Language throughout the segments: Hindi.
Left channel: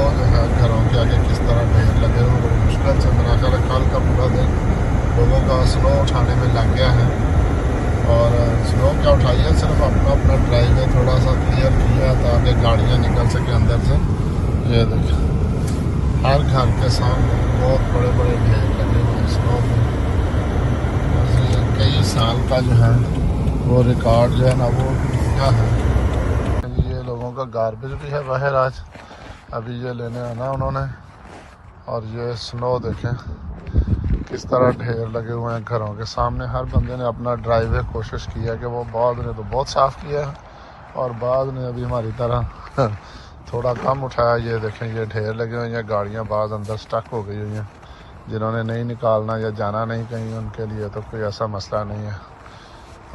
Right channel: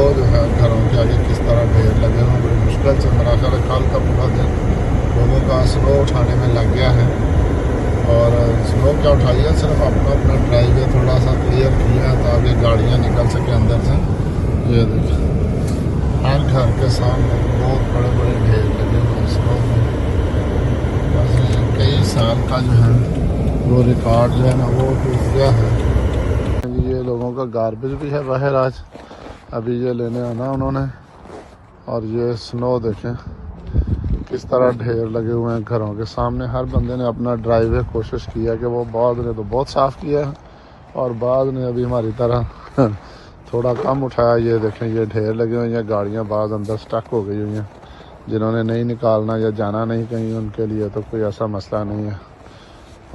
स्नो जो है घरों के आगे किस तरह ढेर लगे हुए, मुश्किल से मेरा ख्याल कल का पूरा दिन लोगों का स्नो उठाने में लग गया है। और स्नो क्या उठाई है, सिर्फ अपना अपना ड्राइवे थोड़ा सा क्लियर किया ताकि गाड़ियाँ निकल सकें अंदर से। ये देखिए हर घर के सामने बहुत बड़े बड़े ढेर लगे हुए स्नो में। कई साल का जो है वो रिकॉर्ड है ना वो टूट गया है। ये लोगों का गार्बेज भी है बाहर आज, अभी ये लेने आना उन्होंने। और ये स्नो देखें किस तरह ढेर लगे हुए हैं घरों के सामने। हर बंदे ने अपना ड्राइवे कोशिश किया कि वो बाद ने तो बहुत साफ़ किया है और बाद में अभी हमारी तरह थोड़ा कम उठाया। ये देखें ये ढेर लगे हुए हैं, गाड़ियाँ बाद अंदर स्टक हो गई हुई हैं। जिन्होंने नहीं निकालना या जाना नहीं कहीं उनके लिए तो कोई ऐसा मसला नहीं है।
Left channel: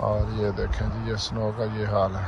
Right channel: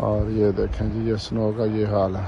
और ये देखें जी ये स्नो का ये हाल है।